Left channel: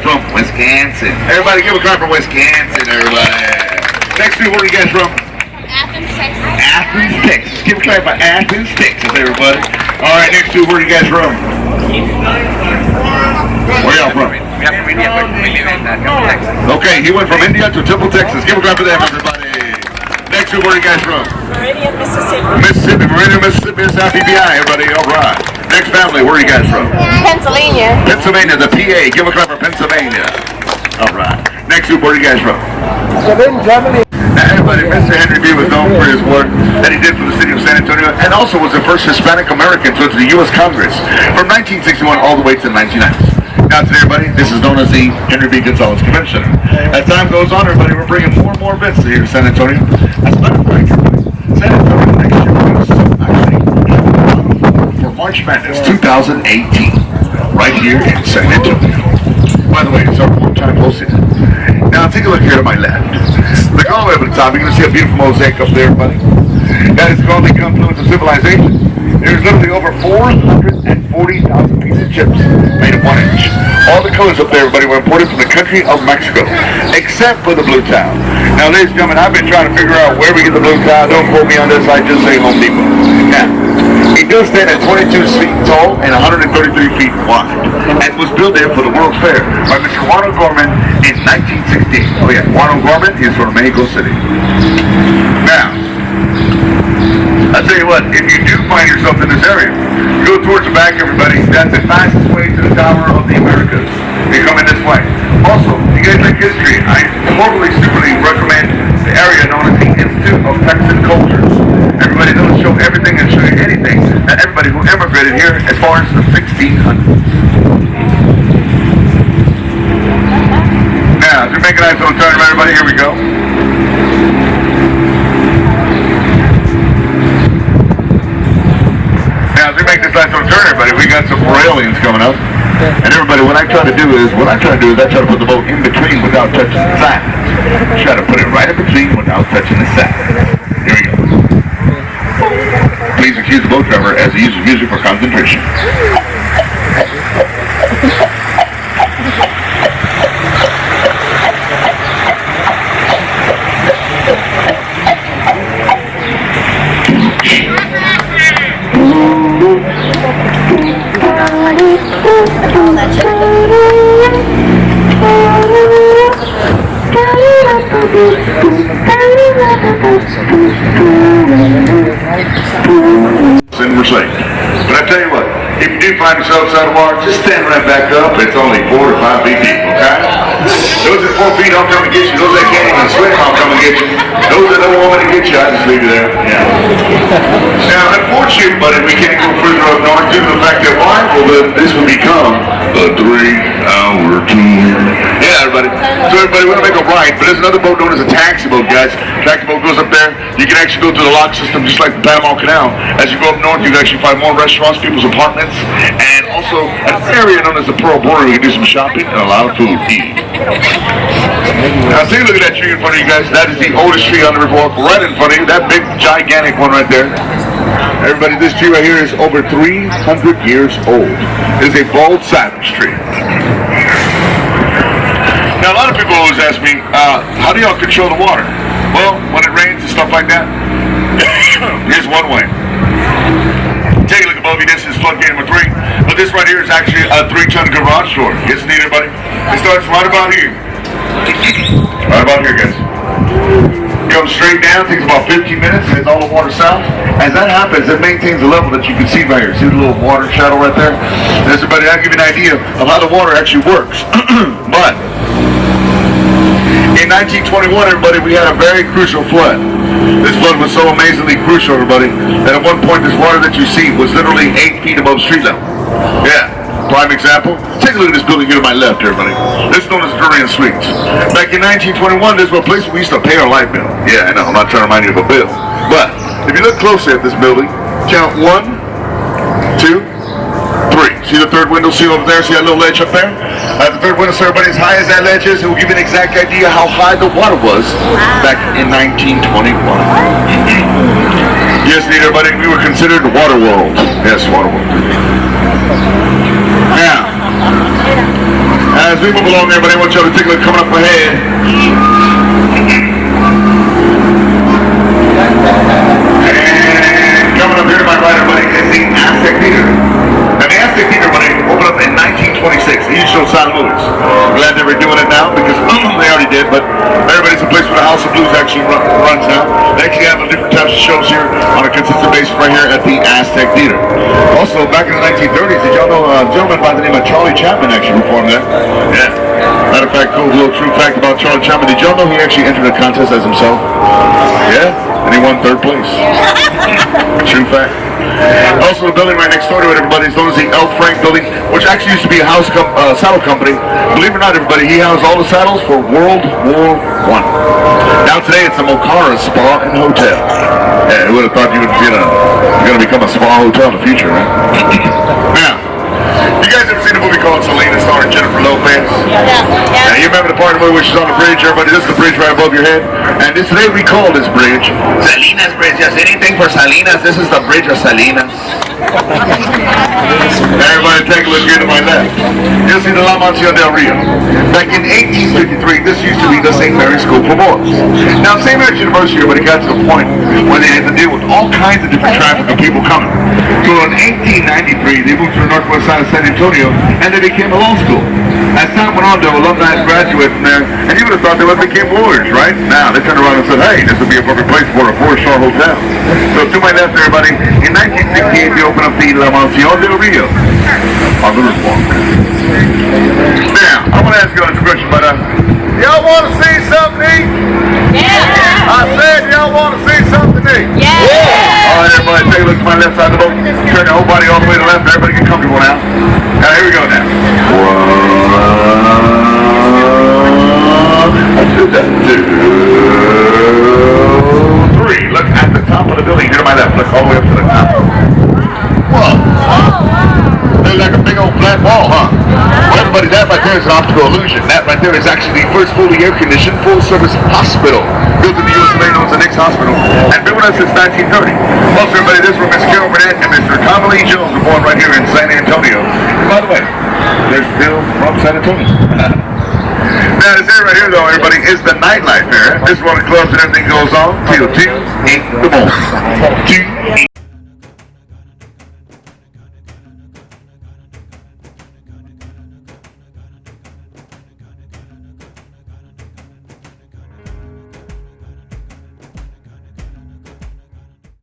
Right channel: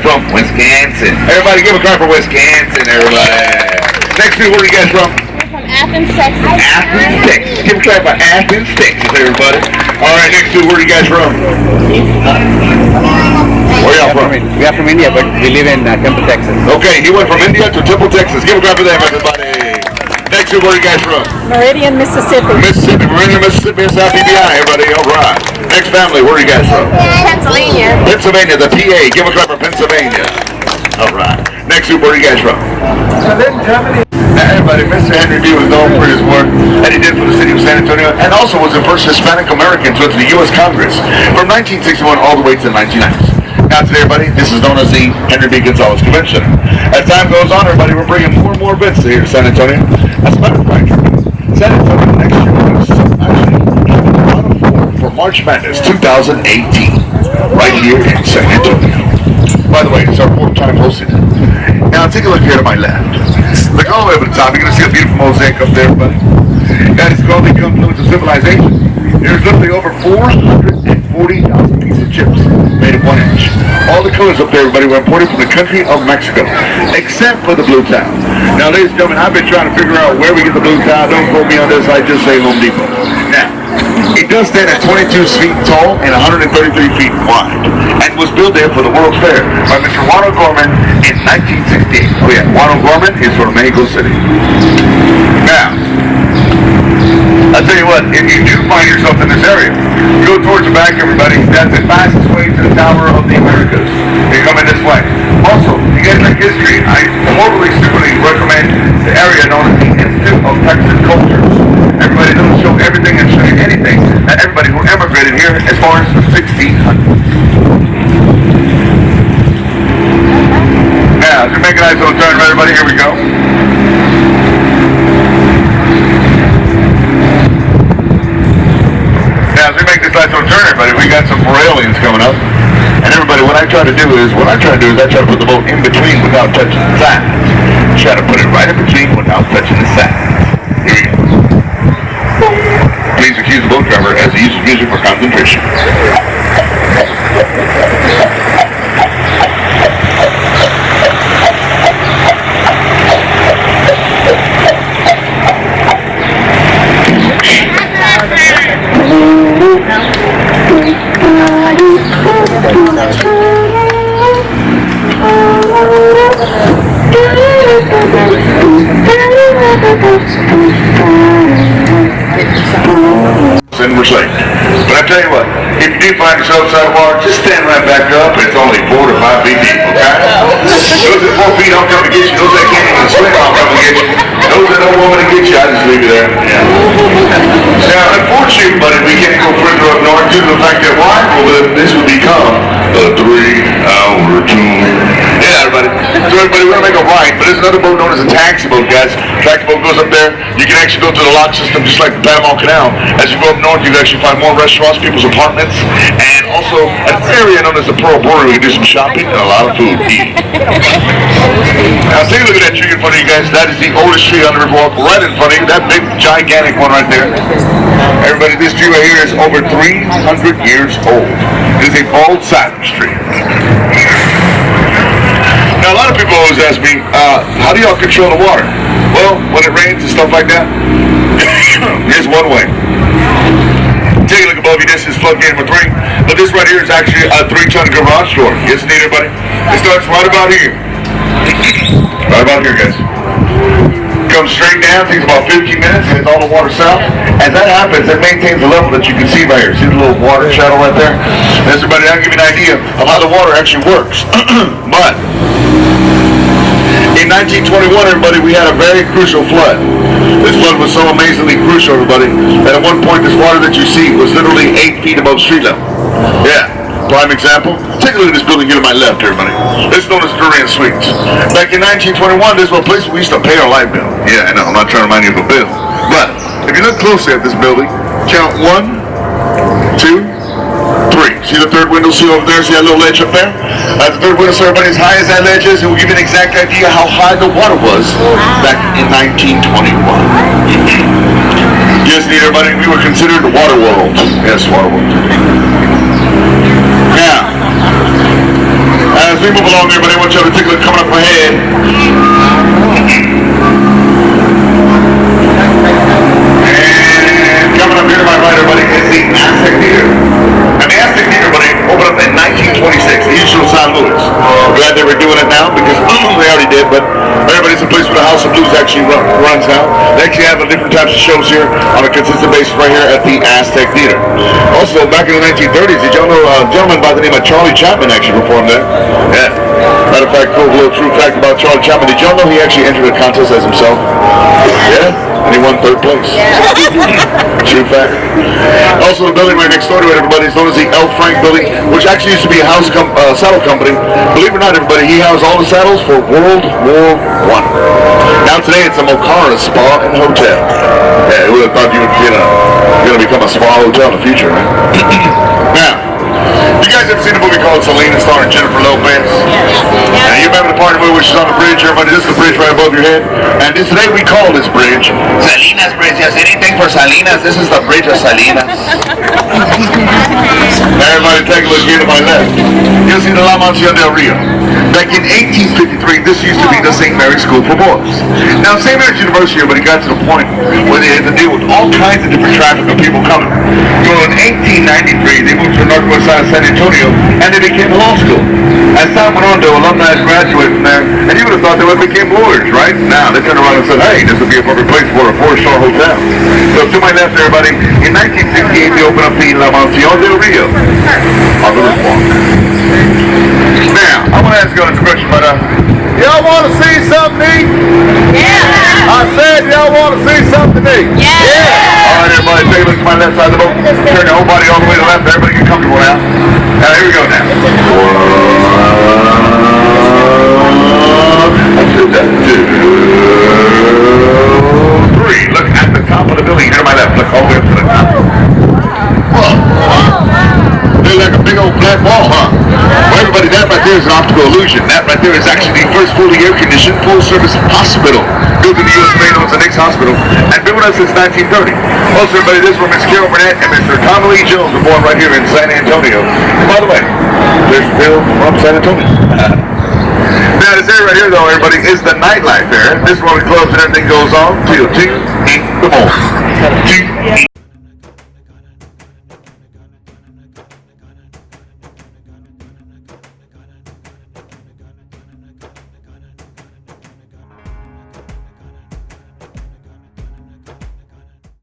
From Wisconsin. Everybody give a clap for Wisconsin, everybody. Next week, where are you guys from? From Athens, Texas. Athens, Texas. Give a clap for Athens, Texas, everybody. All right, next week, where are you guys from? Where y'all from? We are from India, but we live in Temple, Texas. Okay, you went from India to Temple, Texas. Give a clap for them, everybody. Next week, where are you guys from? Meridian, Mississippi. Mississippi, Meridian, Mississippi, South PBI, everybody. All right. Next family, where are you guys from? Pennsylvania. Pennsylvania, the PA. Give a clap for Pennsylvania. All right. Next week, where are you guys from? Germany. Now, everybody, Mr. Henry D. was known for his work that he did for the city of San Antonio, and also was the first Hispanic American to enter the U.S. Congress from 1961 all the way to the 1990s. Now, today, everybody, this is known as the Henry B. Gonzalez Convention Center. As time goes on, everybody, we're bringing more and more events here to San Antonio. As a matter of fact, San Antonio next year is actually for March Madness 2018, right here in San Antonio. By the way, it's our 4th time hosting it. Now, take a look here to my left. Look all the way over the top. You're going to see a beautiful mosaic up there, buddy. That is called the Confluence of Civilization. There's literally over 440,000 pieces of chips made of 1 inch. All the colors up there, everybody, were imported from the country of Mexico, except for the blue tile. Now, ladies and gentlemen, I've been trying to figure out where we get the blue tile. Don't quote me on this. I just say Home Depot. Now, it does stand at 22 feet tall and 133 feet wide, and was built there for the World's Fair by Mr. Juan O'Gorman in 1968. Oh yeah, Juan O'Gorman is from Mexico City. Now, I'll tell you what, if you do find yourself in this area, go towards the back, everybody. That's the fastest way to the Tower of the Americas. You come in this way. Also, if you guys like history, I totally, superly recommend the area known as the Institute of Texan Cultures. Everybody doesn't show everything and show you anything that everybody who emigrated here as far as the 1600s. Now, as you're making a nice little turn, everybody, here we go. Now, as we make this nice little turn, everybody, we got some railings coming up. And everybody, what I try to do is I try to put the boat in between without touching the sides. Try to put it right in between without touching the sides. Here we go. Please excuse the boat driver as he uses music for concentration. And we're safe. But I tell you what, if you do find yourself outside the water, just stand right back up. It's only 4 to 5 feet deep, okay? Those at 4 feet don't come to get you. Those that can't even swim don't come to get you. Those that don't want to get you, I just leave you there. Yeah. Now, unfortunately, buddy, we can't go further up north due to the fact that why? Well, this will become a 3-hour tour. Yeah, everybody. So everybody, we're going to make a right, but there's another boat known as a taxi boat, guys. Taxi boat goes up there. You can actually go through the lock system just like the Panama Canal. As you go up north, you can actually find more restaurants, people's apartments, and also an area known as the Pearl Brewery. We can do some shopping and a lot of food eating. Now take a look at that tree in front of you guys. That is the oldest tree on the Riverwalk, right in front of you. That big, gigantic one right there. Everybody, this tree right here is over 300 years old. It is a bald cypress tree. Now, a lot of people always ask me, how do y'all control the water? Well, when it rains and stuff like that, here's one way. Take a look above you. This is floodgate number 3. But this right here is actually a 3-ton garage door. Yes, indeed, everybody. It starts right about here. Right about here, guys. Comes straight down, takes about 15 minutes, and it's all the water south. As that happens, it maintains the level that you can see right here. See the little water shadow right there? This, everybody, that'll give you an idea of how the water actually works. But in 1921, everybody, we had a very crucial flood. This flood was so amazingly crucial, everybody, that at one point this water that you see was literally 8 feet above street level. Yeah. Prime example, take a look at this building here to my left, everybody. This is known as Durian Suites. Back in 1921, this was a place where we used to pay our light bill. Yeah, I know, I'm not trying to remind you of a bill. But, if you look closely at this building, count 1, 2, 3. See the third window seal over there? See that little ledge up there? The third window, so everybody, as high as that ledge is, it will give you an exact idea how high the water was back in 1921. Yes, everybody, we were considered the water world. Yes, water world. Now, as we we move along, everybody, I want y'all to take a look coming up ahead. And coming up here to my right, everybody, is the Aztec Theater. And the Aztec Theater, everybody, opened up in 1926, the usual San Luis. I'm glad they were doing it now because they already did, but everybody's a place where the House of Blues actually runs now. They actually have different types of shows here on a consistent basis right here at the Aztec Theater. Also, back in the 1930s, did y'all know a gentleman by the name of Charlie Chaplin actually performed there? Yeah. Matter of fact, cool little true fact about Charlie Chaplin. Did y'all know he actually entered a contest as himself? Yeah? And he won 3rd place. True fact. Also, the building right next door to it, everybody, is known as the L. Frank Building, which actually used to be a saddle company. Believe it or not, everybody, he housed all the saddles for World War I. Now today, it's a Mocara Spa and Hotel. Yeah, who would have thought you would get you're going to become a spa hotel in the future, man? Now, you guys ever seen a movie called Selena starring Jennifer Lopez? Now, you remember the part where she's on the bridge, everybody? This is the bridge right above your head. And today we call this bridge Salinas Bridge. Yes, anything for Salinas. This is the bridge of Salinas. Everybody take a look here to my left. You'll see the La Mansión del Rio. Back in 1853, this used to be the St. Mary's School for Boys. Now, St. Mary's University, but it got to the point where they had to deal with all kinds of different traffic of people coming. So in 1893, they moved to the northwest side of San Antonio, and they became a law school. As time went on, the alumni graduates, man, and you would have thought they would have became lawyers, right? Now, they turned around and said, hey, this would be a perfect place for a 4-star hotel. So to my left, everybody, in 1968, they opened up the La Mansión del Rio on the Riverwalk. Now, I want to ask you guys a question, but y'all want to see something neat? Yeah. I said y'all want to see something neat. Yeah. All right, everybody, take a look to my left side of the boat. Turn your whole body all the way to the left. Everybody get comfortable now. Now, here we go now. 1, 2, 3. Look at the top of the building. Here to my left. Look all the way up to the top. Whoa. Looks like a big old flat wall, huh? Well, everybody, that right there is an optical illusion. That right there is actually the first fully air-conditioned, full-service hospital built in the U.S. known as the Knicks Hospital, and been with us since 1930. Also, everybody, this is where Miss Carol Burnett and Mr. Tommy Lee Jones were born right here in San Antonio. By the way, there's Bill from San Antonio. Now, this area right here, though, everybody, is the nightlife there. This is where the clubs and everything goes on till 2 in the morning.